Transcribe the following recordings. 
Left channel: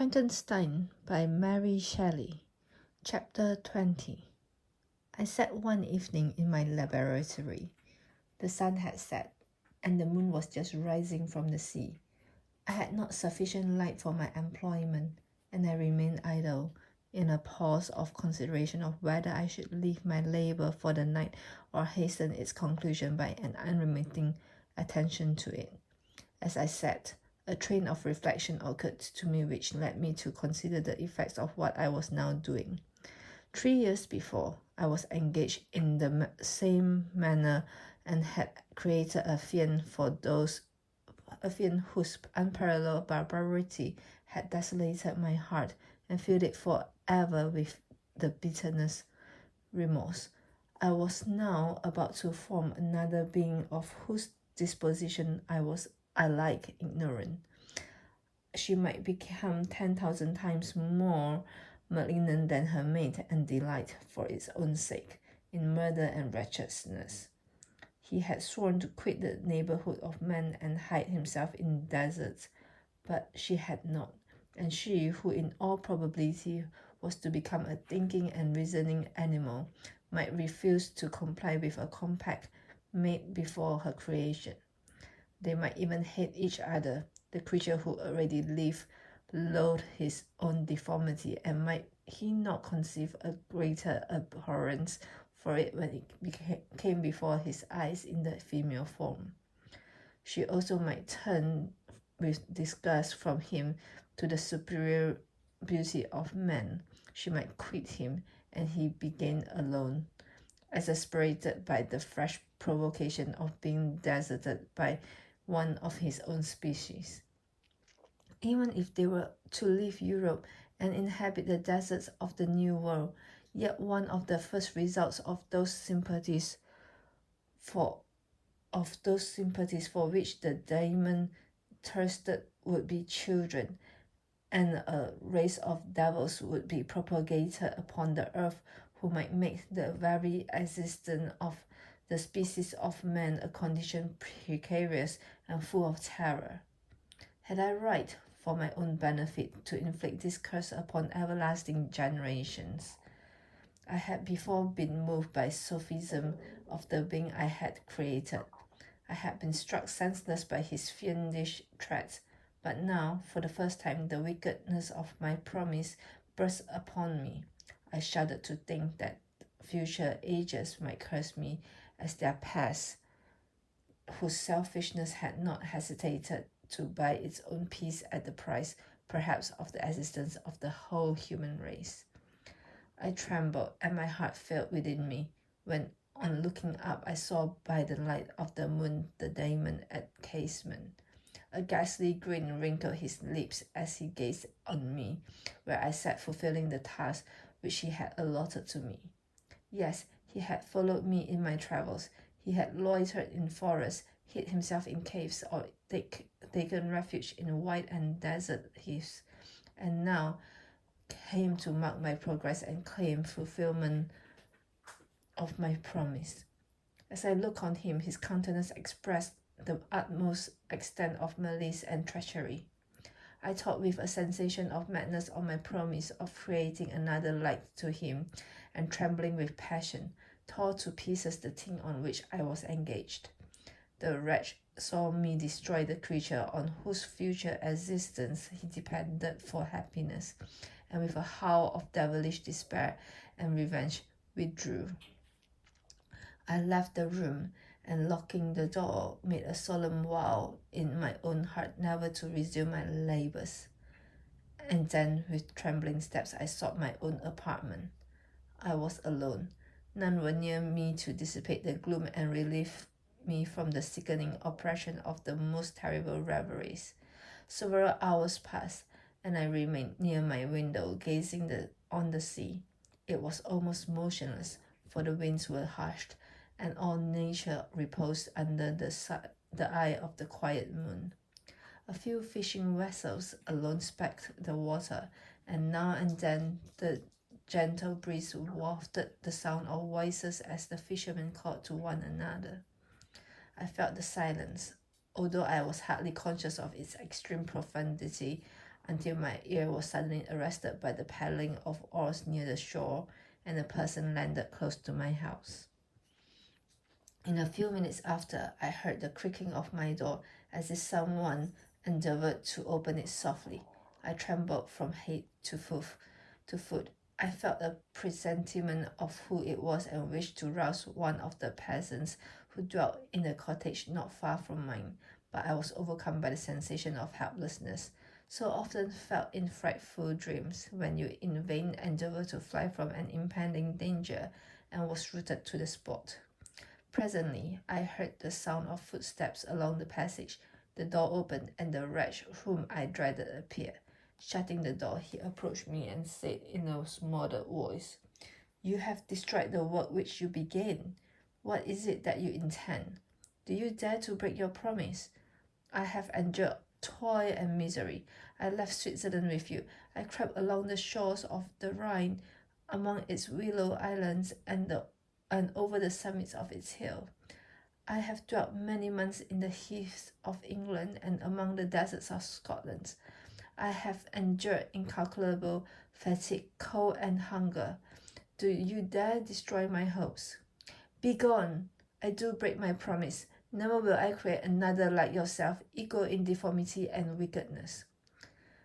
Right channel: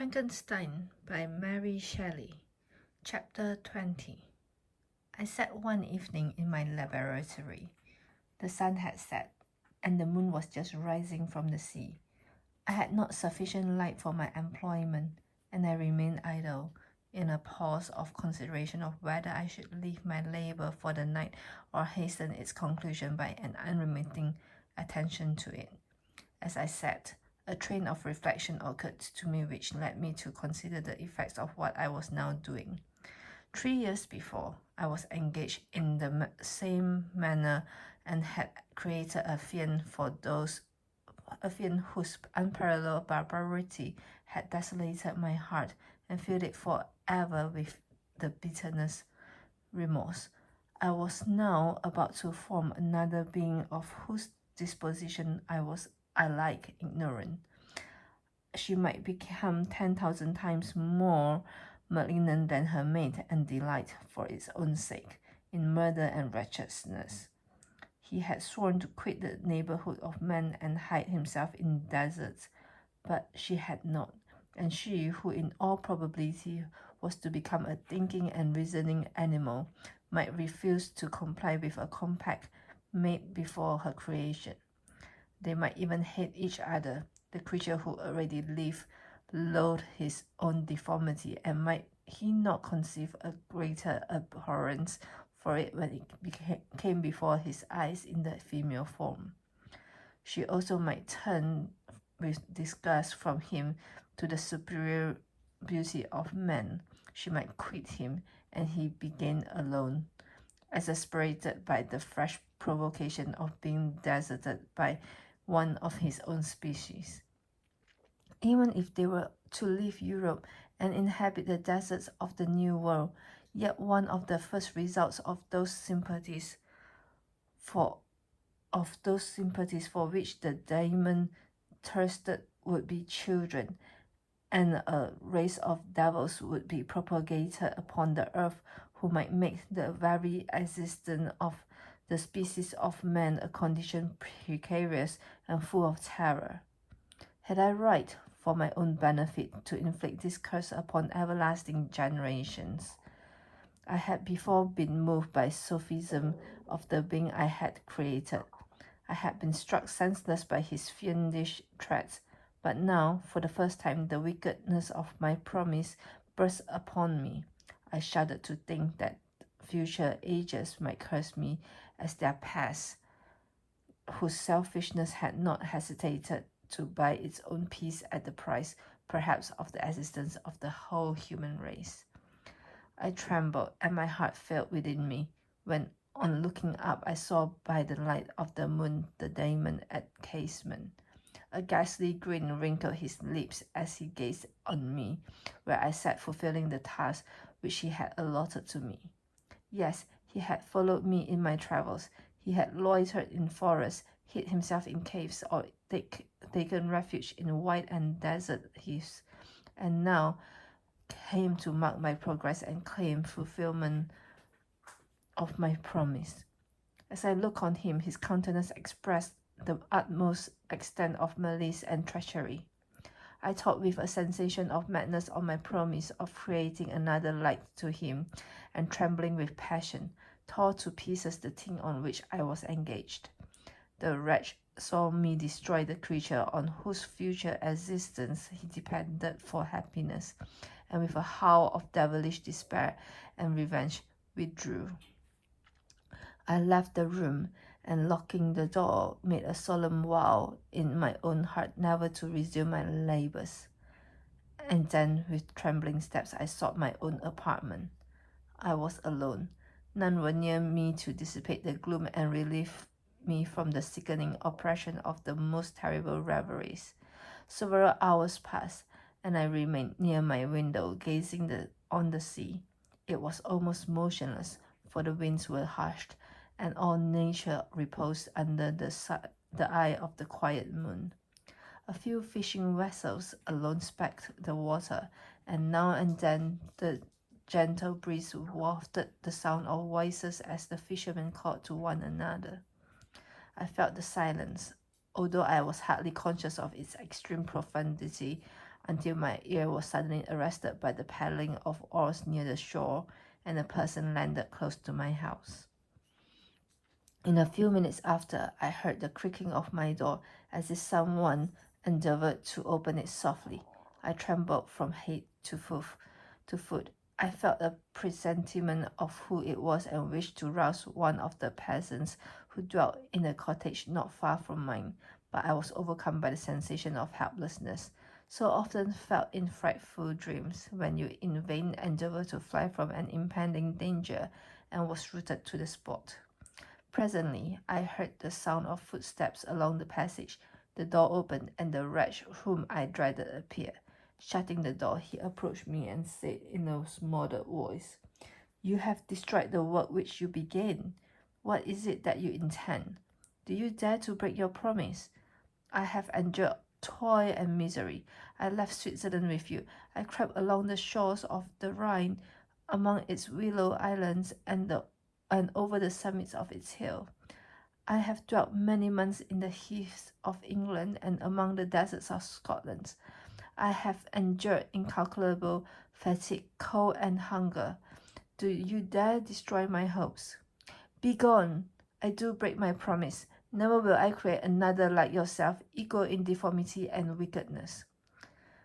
Frankenstein by Mary Shelley. Chapter 20. I sat one evening in my laboratory. The sun had set, and the moon was just rising from the sea. I had not sufficient light for my employment, and I remained idle, in a pause of consideration of whether I should leave my labor for the night or hasten its conclusion by an unremitting attention to it. As I sat, a train of reflection occurred to me which led me to consider the effects of what I was now doing. 3 years before, I was engaged in the same manner and had created a fiend whose unparalleled barbarity had desolated my heart and filled it forever with the bitterness remorse. I was now about to form another being of whose disposition I like ignorant. She might become 10,000 times more malignant than her mate and delight, for its own sake, in murder and wretchedness. He had sworn to quit the neighborhood of men and hide himself in deserts, but she had not, and she, who in all probability was to become a thinking and reasoning animal, might refuse to comply with a compact made before her creation. They might even hate each other. The creature who already lived loathed his own deformity, and might he not conceive a greater abhorrence for it when it came before his eyes in the female form? She also might turn with disgust from him to the superior beauty of man. She might quit him, and he began alone, exasperated by the fresh provocation of being deserted by one of his own species. Even if they were to leave Europe and inhabit the deserts of the New World, yet one of the first results of those sympathies for which the demon thirsted would be children, and a race of devils would be propagated upon the earth who might make the very existence of the species of man a condition precarious and full of terror. Had I right, for my own benefit, to inflict this curse upon everlasting generations? I had before been moved by sophism of the being I had created. I had been struck senseless by his fiendish threats, but now, for the first time, the wickedness of my promise burst upon me. I shuddered to think that future ages might curse me as their past, whose selfishness had not hesitated to buy its own peace at the price, perhaps, of the existence of the whole human race. I trembled, and my heart failed within me, when, on looking up, I saw by the light of the moon the demon at casement. A ghastly grin wrinkled his lips as he gazed on me, where I sat fulfilling the task which he had allotted to me. Yes, he had followed me in my travels. He had loitered in forests, hid himself in caves, or taken refuge in wide and desert heaths, and now came to mark my progress and claim fulfillment of my promise. As I looked on him, his countenance expressed the utmost extent of malice and treachery. I thought with a sensation of madness on my promise of creating another like to him, and trembling with passion, tore to pieces the thing on which I was engaged. The wretch saw me destroy the creature on whose future existence he depended for happiness, and with a howl of devilish despair and revenge withdrew. I left the room, and locking the door, made a solemn vow in my own heart never to resume my labors. And then, with trembling steps, I sought my own apartment. I was alone. None were near me to dissipate the gloom and relieve me from the sickening oppression of the most terrible reveries. Several hours passed, and I remained near my window, gazing on the sea. It was almost motionless, for the winds were hushed, and all nature reposed under the eye of the quiet moon. A few fishing vessels alone specked the water, and now and then the gentle breeze wafted the sound of voices as the fishermen called to one another. I felt the silence. Although I was hardly conscious of its extreme profundity, until my ear was suddenly arrested by the paddling of oars near the shore, and a person landed close to my house. In a few minutes after, I heard the creaking of my door as if someone endeavored to open it softly. I trembled from head to foot. I felt a presentiment of who it was and wished to rouse one of the peasants who dwelt in a cottage not far from mine, but I was overcome by the sensation of helplessness, so often felt in frightful dreams, when you in vain endeavor to fly from an impending danger, and was rooted to the spot. Presently, I heard the sound of footsteps along the passage. The door opened, and the wretch whom I dreaded appeared. Shutting the door, he approached me and said in a smothered voice, "You have destroyed the work which you began. What is it that you intend? Do you dare to break your promise? I have endured toil and misery. I left Switzerland with you. I crept along the shores of the Rhine, among its willow islands and over the summits of its hill. I have dwelt many months in the heaths of England and among the deserts of Scotland. I have endured incalculable fatigue, cold, and hunger. Do you dare destroy my hopes? Begone! I do break my promise. Never will I create another like yourself, equal in deformity and wickedness.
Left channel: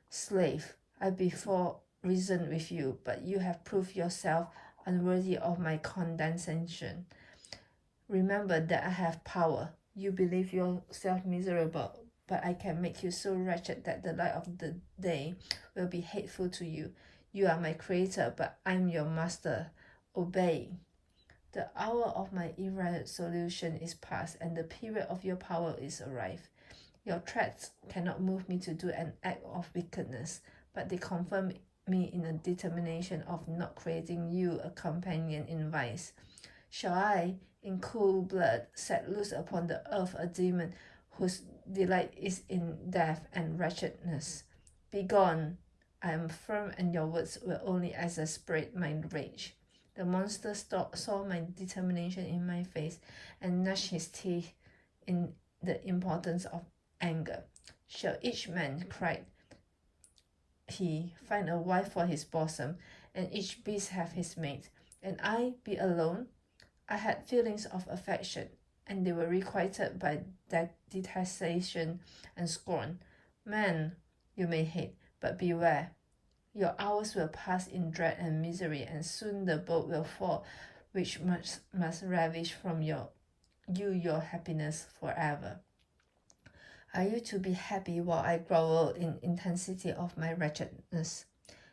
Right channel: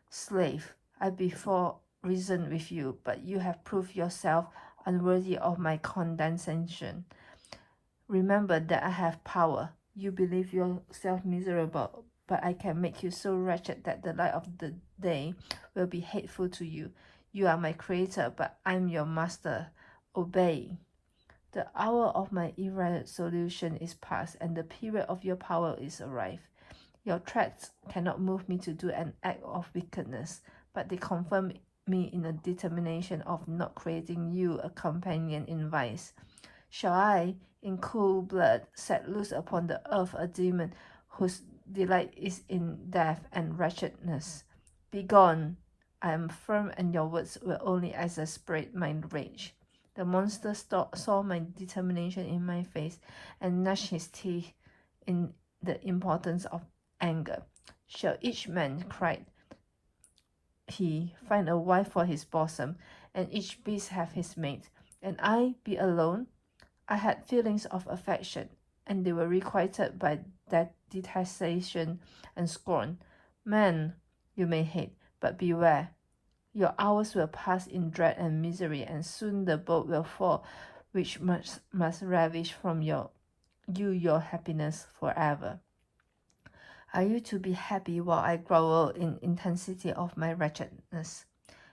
Slave, I before reasoned with you, but you have proved yourself unworthy of my condescension. Remember that I have power. You believe yourself miserable, but I can make you so wretched that the light of the day will be hateful to you. You are my creator, but I am your master. Obey. The hour of my irresolution is past, and the period of your power is arrived. Your threats cannot move me to do an act of wickedness, but they confirm me in a determination of not creating you a companion in vice. Shall I, in cool blood, set loose upon the earth a demon whose delight is in death and wretchedness? Begone! I am firm, and your words will only exasperate my rage. The monster saw my determination in my face and gnashed his teeth in the importance of anger. Shall each man, cried he, find a wife for his bosom, and each beast have his mate, and I be alone? I had feelings of affection, and they were requited by that detestation and scorn. Man, you may hate, but beware. Your hours will pass in dread and misery, and soon the boat will fall, which must ravish from you your happiness forever. Are you to be happy while I grovel in intensity of my wretchedness?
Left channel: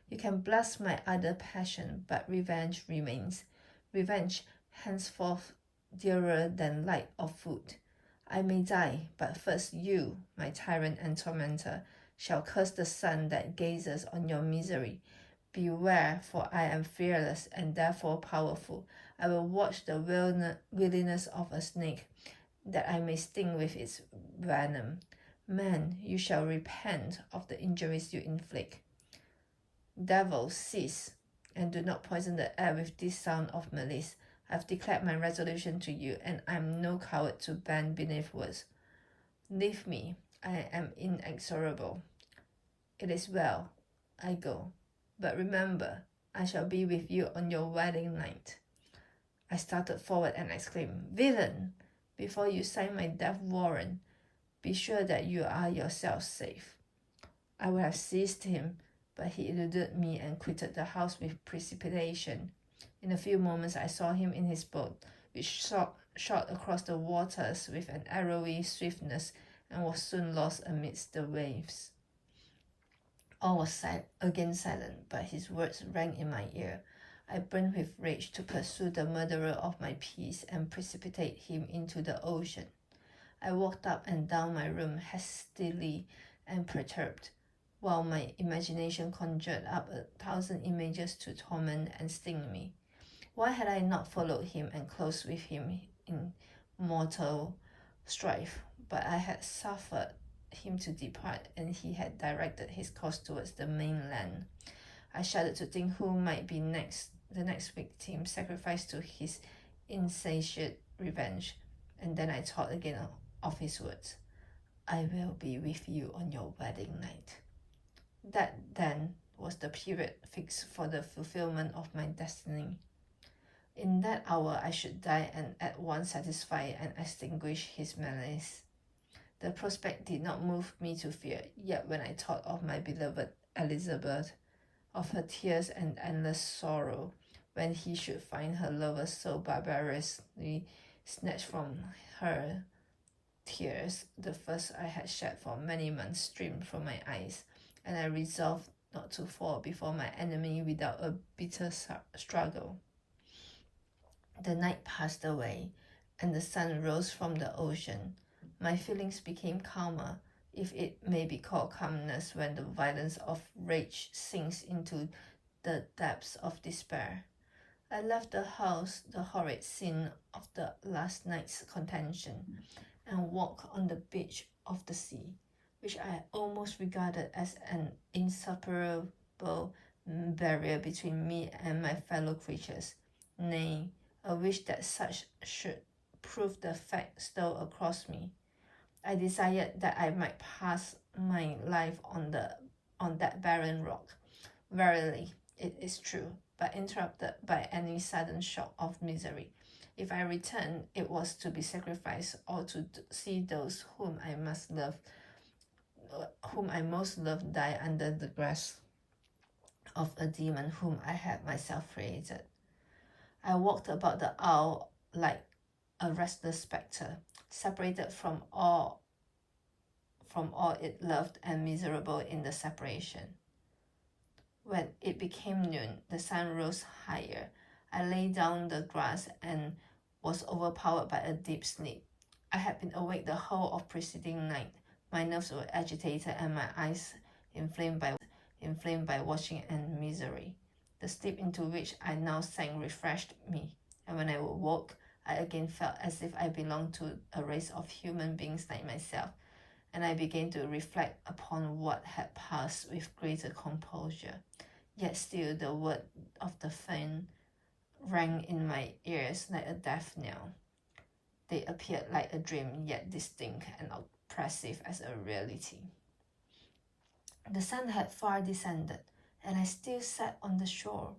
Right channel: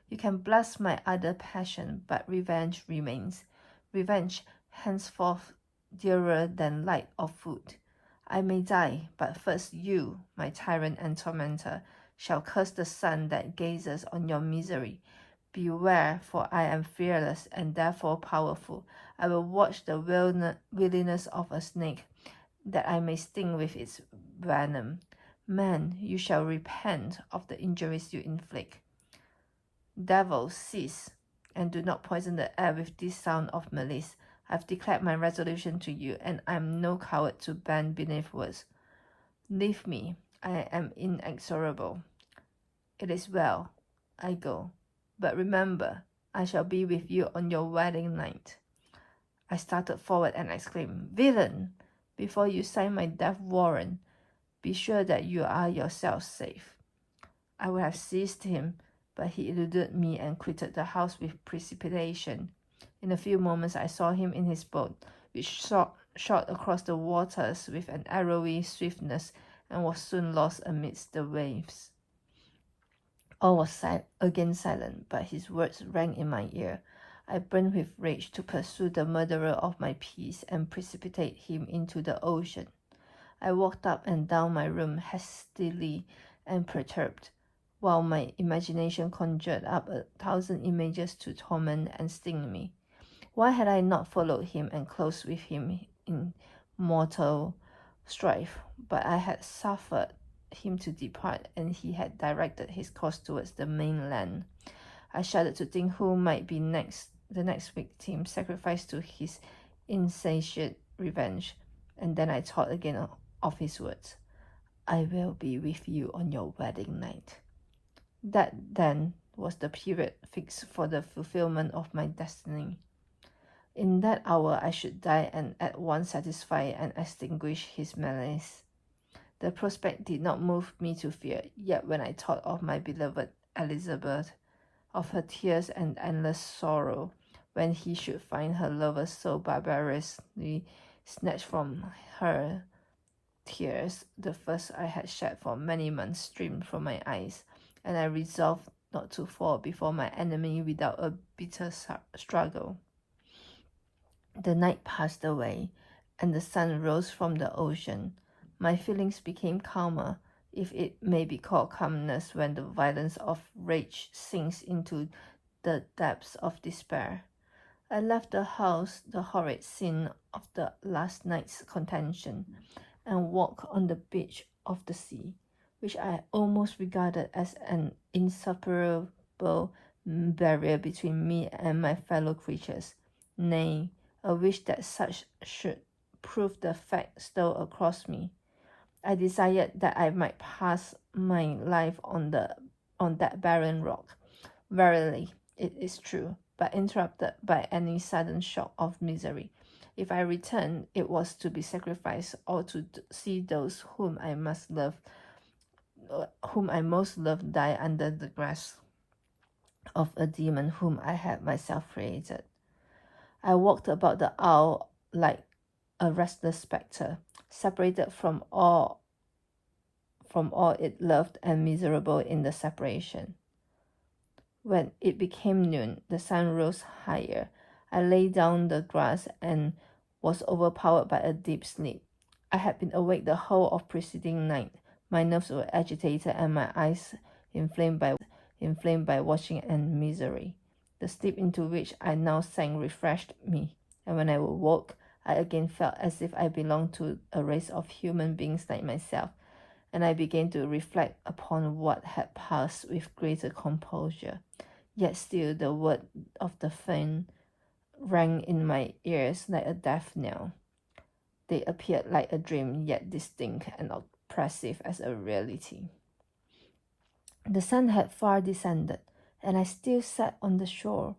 You can bless my other passion, but revenge remains. Revenge, henceforth dearer than light or food. I may die, but first you, my tyrant and tormentor, shall curse the sun that gazes on your misery. Beware, for I am fearless and therefore powerful. I will watch the willingness of a snake, that I may sting with its venom. Man, you shall repent of the injuries you inflict. Devil, cease, and do not poison the air with this sound of malice. I have declared my resolution to you, and I am no coward to bend beneath words. Leave me, I am inexorable. It is well, I go. But remember, I shall be with you on your wedding night. I started forward and exclaimed, Villain! Before you sign my death warrant, be sure that you are yourself safe. I would have seized him, but he eluded me and quitted the house with precipitation. In a few moments I saw him in his boat, which shot across the waters with an arrowy swiftness and was soon lost amidst the waves. All was again silent, but his words rang in my ear. I burned with rage to pursue the murderer of my peace and precipitate him into the ocean. I walked up and down my room hastily and perturbed, while my imagination conjured up 1,000 images to torment and sting me. Why had I not followed him and closed with him in mortal strife? But I had suffered him to depart, and he had directed his course towards the mainland. I shuddered to think who might be the next victim sacrificed to his insatiate revenge, and then I thought again of his words, I will be with you on your wedding night. That then was the period fixed for the fulfillment of my destiny. In that hour I should die and at once satisfy and extinguish his malice. The prospect did not move me to fear, yet when I thought of my beloved Elizabeth, of her tears and endless sorrow, when he should find her lover so barbarously snatched from her, tears, the first I had shed for many months, streamed from my eyes, and I resolved not to fall before my enemy without a bitter struggle. The night passed away, and the sun rose from the ocean. My feelings became calmer, if it may be called calmness when the violence of rage sinks into the depths of despair. I left the house, the horrid scene of the last night's contention, and walked on the beach of the sea, which I almost regarded as an insuperable barrier between me and my fellow creatures. Nay, a wish that such should prove the fact stole across me. I desired that I might pass my life on that barren rock. Verily, it is true, but interrupted by any sudden shock of misery. If I returned, it was to be sacrificed or to see those whom I most loved die under the grasp of a demon whom I had myself created. I walked about the isle like a restless spectre, separated from all it loved and miserable in the separation. When it became noon, the sun rose higher. I lay down the grass and was overpowered by a deep sleep. I had been awake the whole of preceding night. My nerves were agitated and my eyes inflamed by watching and misery. The sleep into which I now sank refreshed me, and when I awoke, I again felt as if I belonged to a race of human beings like myself, and I began to reflect upon what had passed with greater composure. Yet still the word of the fiend rang in my ears like a death knell. They appeared like a dream, yet distinct and oppressive as a reality. The sun had far descended, and I still sat on the shore,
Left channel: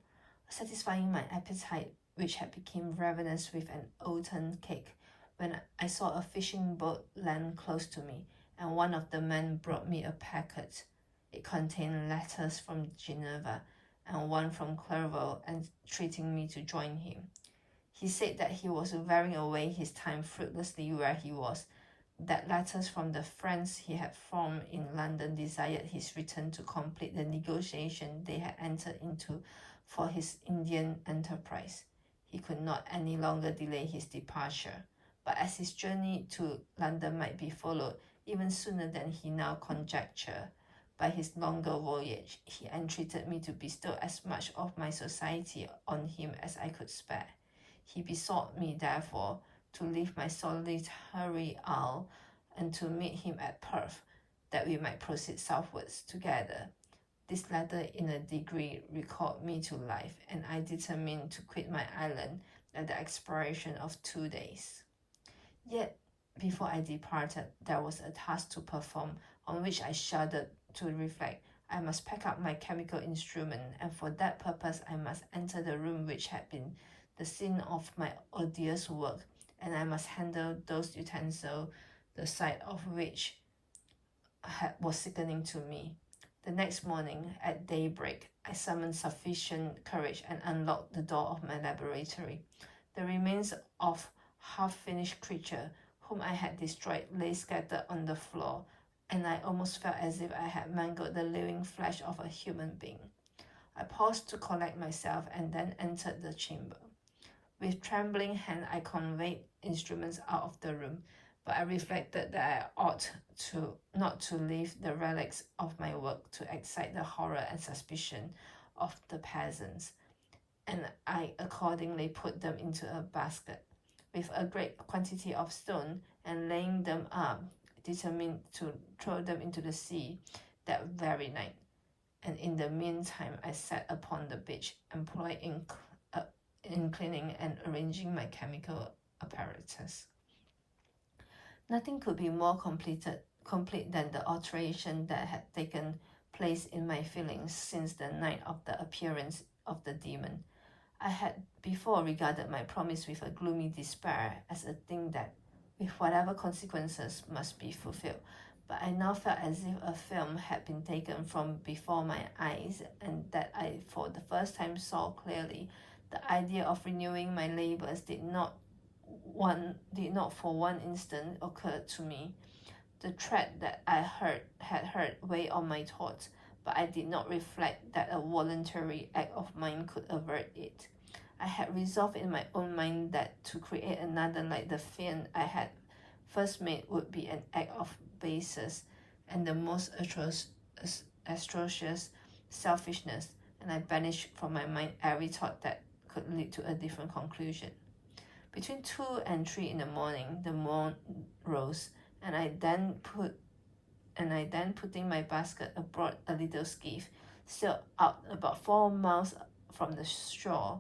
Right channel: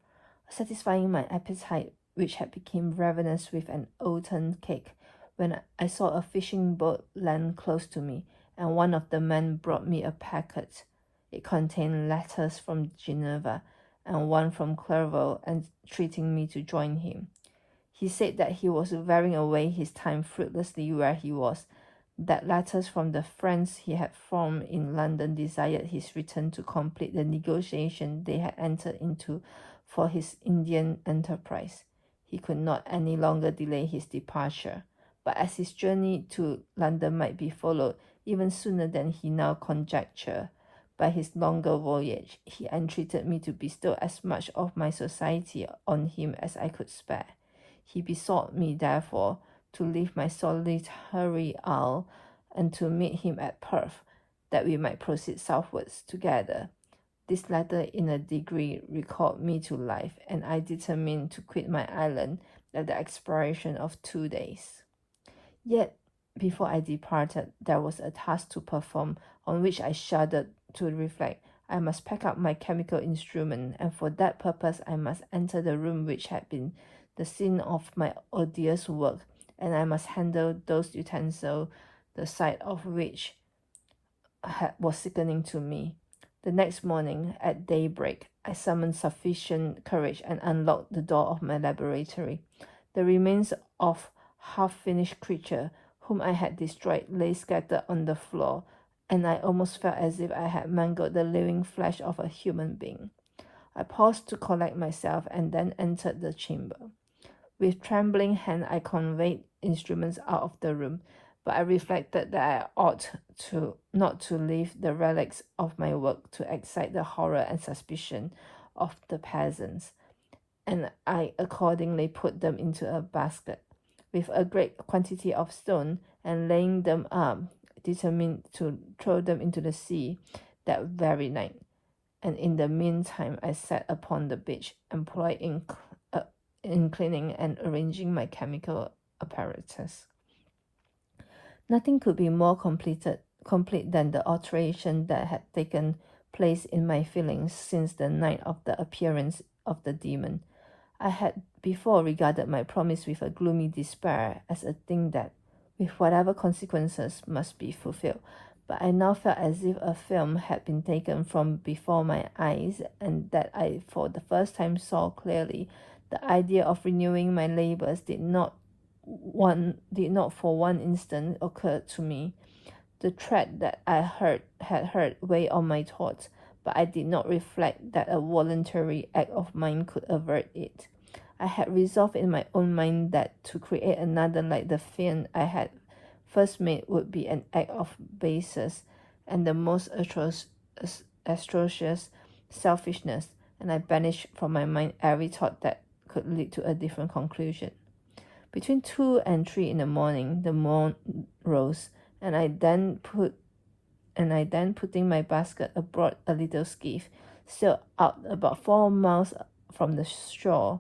satisfying my appetite, which had become ravenous with an oaten cake, when I saw a fishing boat land close to me, and one of the men brought me a packet. It contained letters from Geneva and one from Clerval, entreating me to join him. He said that he was wearing away his time fruitlessly where he was, that letters from the friends he had formed in London desired his return to complete the negotiation they had entered into for his Indian enterprise. He could not any longer delay his departure, but as his journey to London might be followed even sooner than he now conjectured by his longer voyage, he entreated me to bestow as much of my society on him as I could spare. He besought me, therefore, to leave my solitary isle and to meet him at Perth, that we might proceed southwards together. This letter in a degree recalled me to life, and I determined to quit my island at the expiration of 2 days. Yet, before I departed, there was a task to perform on which I shuddered to reflect. I must pack up my chemical instrument, and for that purpose I must enter the room which had been the scene of my odious work, and I must handle those utensils, the sight of which was sickening to me. The next morning, at daybreak, I summoned sufficient courage and unlocked the door of my laboratory. The remains of half-finished creature whom I had destroyed lay scattered on the floor, and I almost felt as if I had mangled the living flesh of a human being. I paused to collect myself and then entered the chamber. With trembling hand, I conveyed instruments out of the room, but I reflected that I ought not to leave the relics of my work to excite the horror and suspicion of the peasants, and I accordingly put them into a basket with a great quantity of stone, and laying them up, determined to throw them into the sea that very night. And in the meantime, I sat upon the beach, employed in cleaning and arranging my chemical apparatus. Nothing could be more complete than the alteration that had taken place in my feelings since the night of the appearance of the demon. I had before regarded my promise with a gloomy despair as a thing that, with whatever consequences, must be fulfilled. But I now felt as if a film had been taken from before my eyes, and that I for the first time saw clearly. The idea of renewing my labors did not for one instant occur to me. The threat that I had heard weighed on my thoughts, but I did not reflect that a voluntary act of mine could avert it. I had resolved in my own mind that to create another like the fiend I had first made would be an act of baseness and the most atrocious selfishness, and I banished from my mind every thought that could lead to a different conclusion. Between 2 and 3 in the morning, the moon rose, and I then putting my basket aboard a little skiff, sailed out about 4 miles from the shore.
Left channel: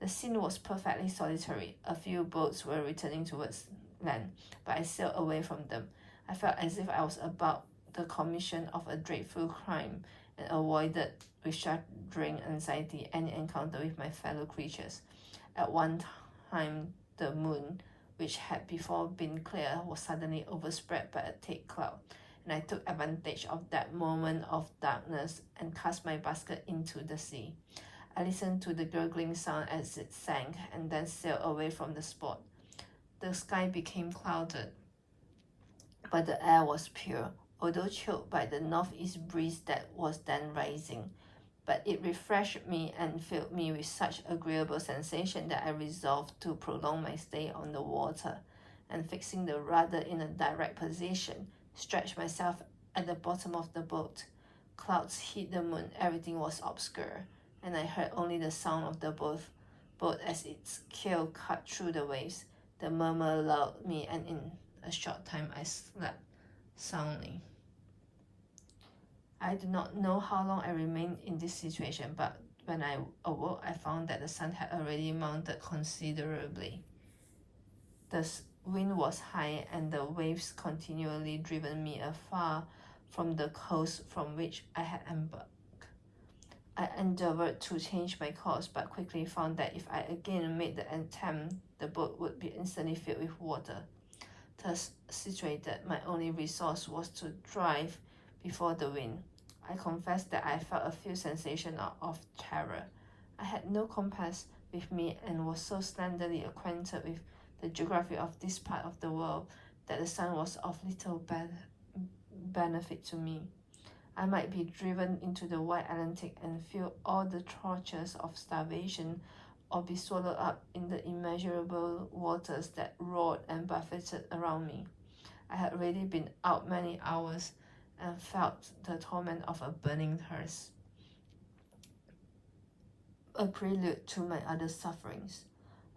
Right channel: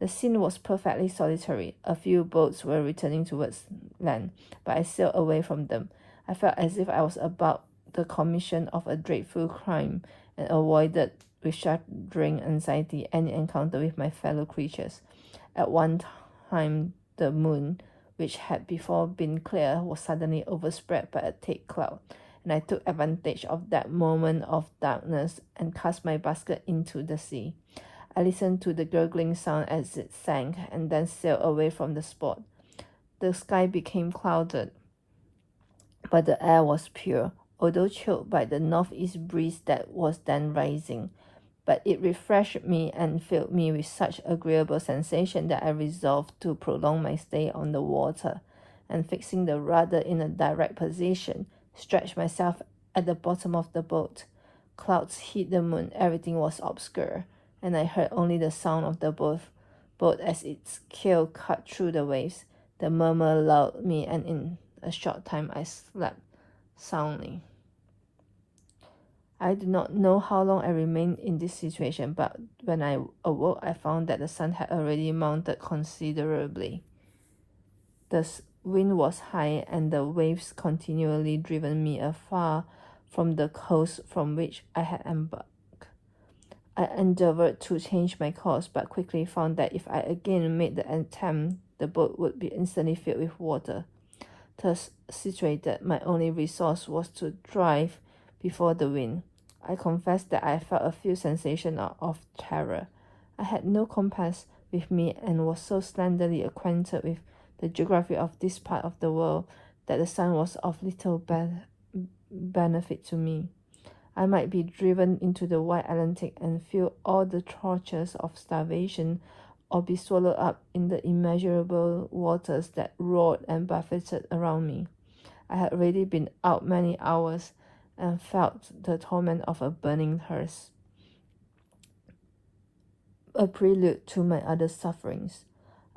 The scene was perfectly solitary. A few boats were returning towards land, but I sailed away from them. I felt as if I was about the commission of a dreadful crime, and avoided with shuddering anxiety any encounter with my fellow creatures. At one time, the moon, which had before been clear, was suddenly overspread by a thick cloud, and I took advantage of that moment of darkness and cast my basket into the sea. I listened to the gurgling sound as it sank, and then sailed away from the spot. The sky became clouded, but the air was pure, although chilled by the northeast breeze that was then rising. But it refreshed me and filled me with such agreeable sensation that I resolved to prolong my stay on the water, and fixing the rudder in a direct position, stretched myself at the bottom of the boat. Clouds hid the moon, everything was obscure, and I heard only the sound of the boat as its keel cut through the waves. The murmur lulled me, and in a short time I slept soundly. I do not know how long I remained in this situation, but when I awoke, I found that the sun had already mounted considerably. The wind was high, and the waves continually driven me afar from the coast from which I had embarked. I endeavored to change my course, but quickly found that if I again made the attempt, the boat would be instantly filled with water. Thus situated, my only resource was to drive before the wind. I confess that I felt a few sensations of terror. I had no compass with me and was so slenderly acquainted with the geography of this part of the world that the sun was of little benefit to me. I might be driven into the wide Atlantic and feel all the tortures of starvation, or be swallowed up in the immeasurable waters that roared and buffeted around me. I had already been out many hours and felt the torment of a burning hearse, a prelude to my other sufferings.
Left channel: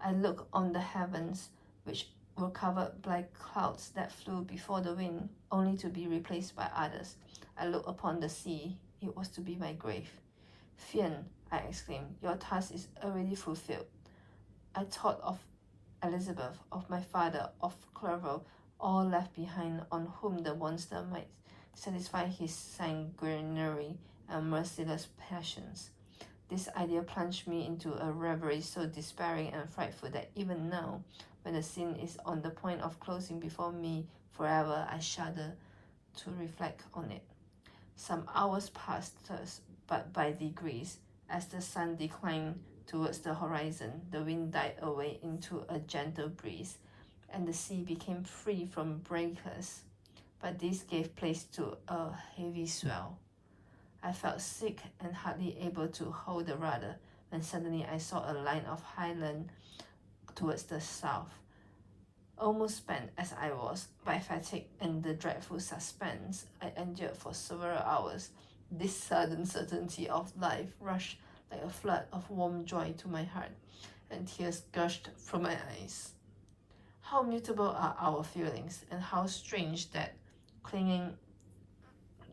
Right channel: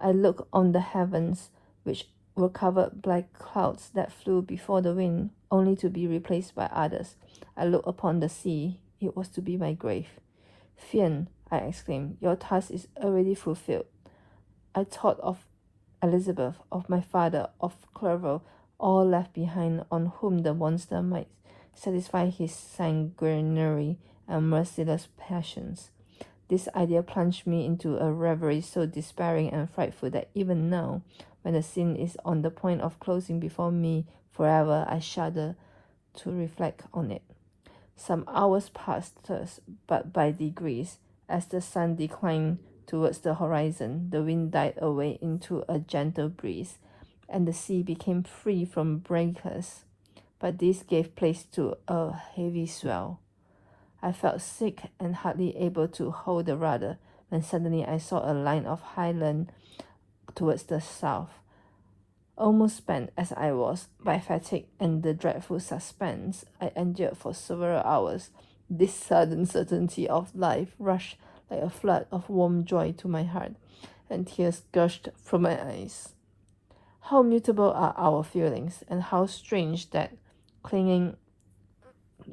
I looked on the heavens, which were covered by clouds that flew before the wind, only to be replaced by others. I looked upon the sea. It was to be my grave. "Fiend," I exclaimed, "your task is already fulfilled." I thought of Elizabeth, of my father, of Clerval, all left behind, on whom the monster might satisfy his sanguinary and merciless passions. This idea plunged me into a reverie so despairing and frightful that even now, when the scene is on the point of closing before me forever, I shudder to reflect on it. Some hours passed thus, but by degrees, as the sun declined towards the horizon, the wind died away into a gentle breeze, and the sea became free from breakers. But this gave place to a heavy swell. I felt sick and hardly able to hold the rudder, when suddenly I saw a line of high land towards the south. Almost spent as I was by fatigue and the dreadful suspense I endured for several hours, this sudden certainty of life rushed like a flood of warm joy to my heart, and tears gushed from my eyes. How mutable are our feelings, and how strange that clinging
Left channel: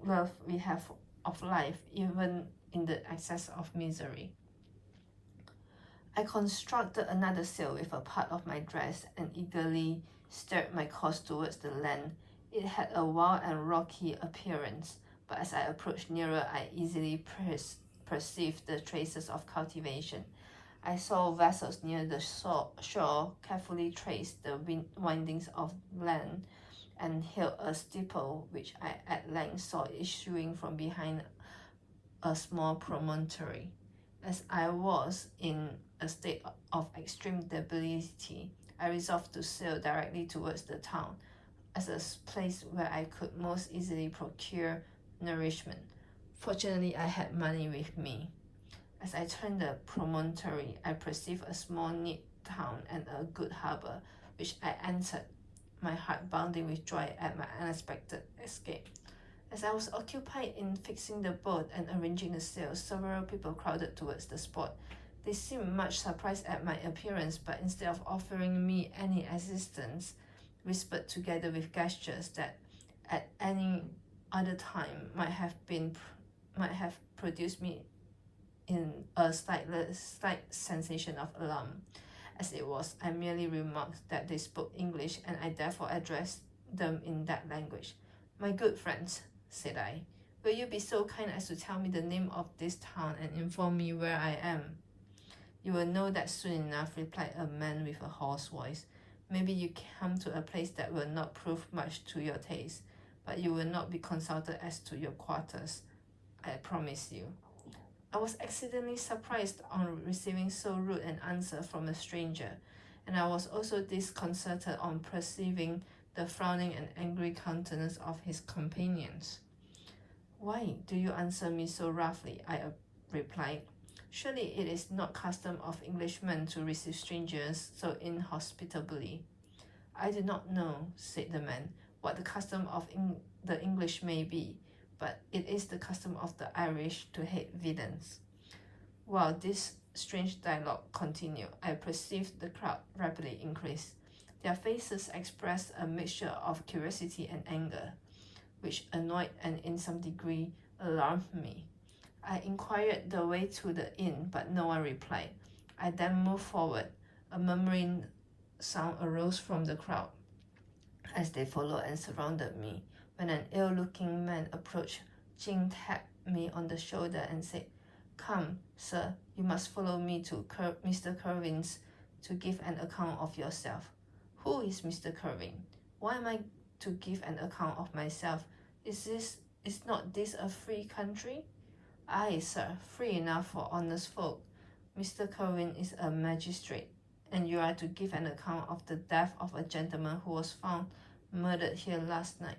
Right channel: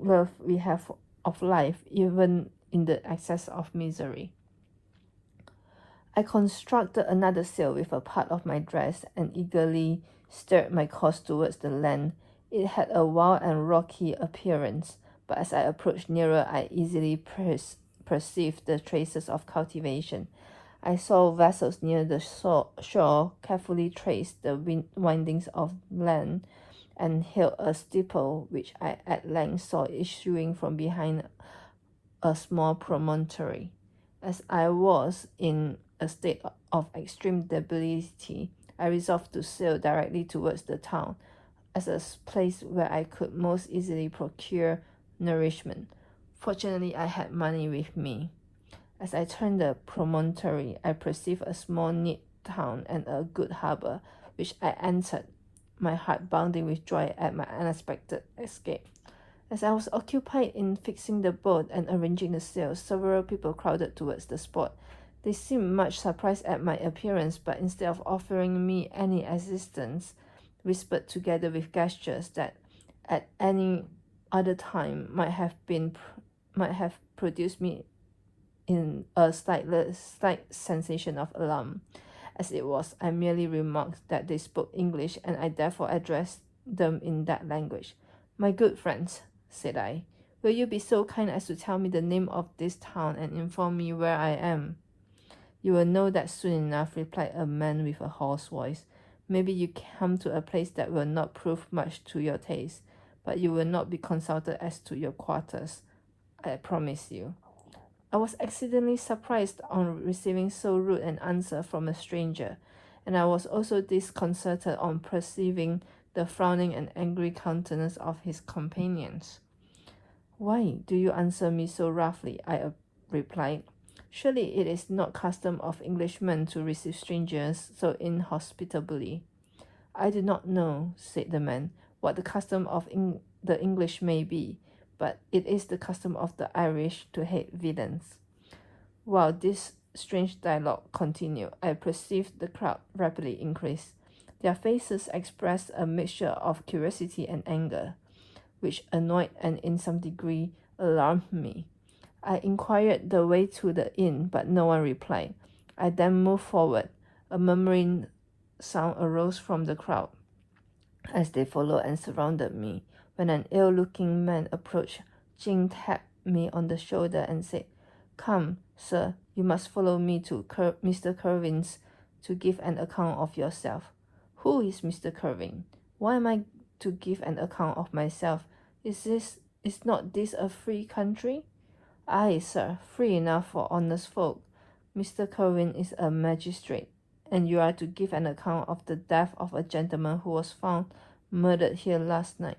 love we have of life, even in the excess of misery. I constructed another sail with a part of my dress and eagerly steered my course towards the land. It had a wild and rocky appearance, but as I approached nearer, I easily perceived the traces of cultivation. I saw vessels near the shore carefully trace the windings of land and hailed a steeple which I at length saw issuing from behind a small promontory. As I was in a state of extreme debility, I resolved to sail directly towards the town as a place where I could most easily procure nourishment. Fortunately, I had money with me. As I turned the promontory, I perceived a small neat town and a good harbor, which I entered, my heart bounding with joy at my unexpected escape. As I was occupied in fixing the boat and arranging the sails, several people crowded towards the spot. They seemed much surprised at my appearance, but instead of offering me any assistance, whispered together with gestures that at any other time might have produced me in a slight sensation of alarm. As it was, I merely remarked that they spoke English, and I therefore addressed them in that language. "My good friends," said I, "will you be so kind as to tell me the name of this town and inform me where I am?" "You will know that soon enough," replied a man with a hoarse voice. "Maybe you come to a place that will not prove much to your taste, but you will not be consulted as to your quarters, I promise you." I was exceedingly surprised on receiving so rude an answer from a stranger, and I was also disconcerted on perceiving the frowning and angry countenance of his companions. "Why do you answer me so roughly?" I replied. "Surely it is not custom of Englishmen to receive strangers so inhospitably." "I do not know," said the man, "what the custom of the English may be, but it is the custom of the Irish to hate villains." While this strange dialogue continued, I perceived the crowd rapidly increase. Their faces expressed a mixture of curiosity and anger, which annoyed and in some degree alarmed me. I inquired the way to the inn, but no one replied. I then moved forward. A murmuring sound arose from the crowd as they followed and surrounded me. When an ill-looking man approached, Jing tapped me on the shoulder and said, "Come, sir, you must follow me to Mr. Curvin's to give an account of yourself." "Who is Mr. Curvin? Why am I to give an account of myself? Is not this a free country?" "Aye, sir, free enough for honest folk. Mr. Curvin is a magistrate, and you are to give an account of the death of a gentleman who was found murdered here last night."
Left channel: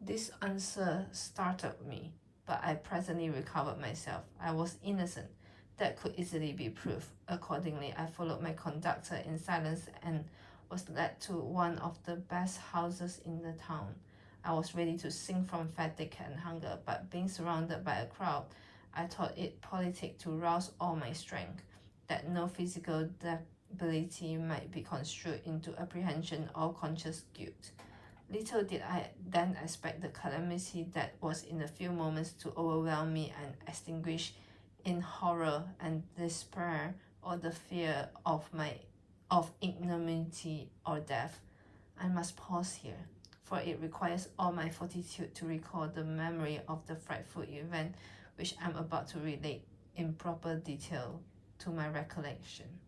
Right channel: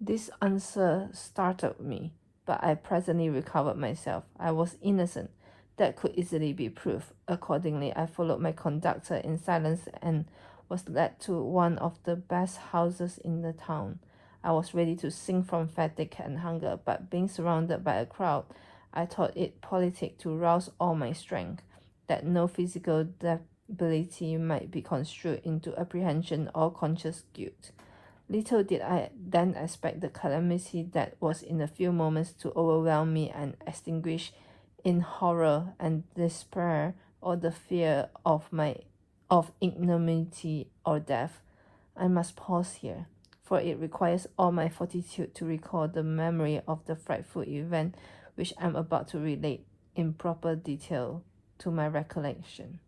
This answer startled me, but I presently recovered myself. I was innocent. That could easily be proved. Accordingly, I followed my conductor in silence and was led to one of the best houses in the town. I was ready to sink from fatigue and hunger, but being surrounded by a crowd, I thought it politic to rouse all my strength, that no physical debility might be construed into apprehension or conscious guilt. Little did I then expect the calamity that was in a few moments to overwhelm me and extinguish in horror and despair all the fear of ignominy or death. I must pause here, for it requires all my fortitude to recall the memory of the frightful event which I am about to relate in proper detail to my recollection.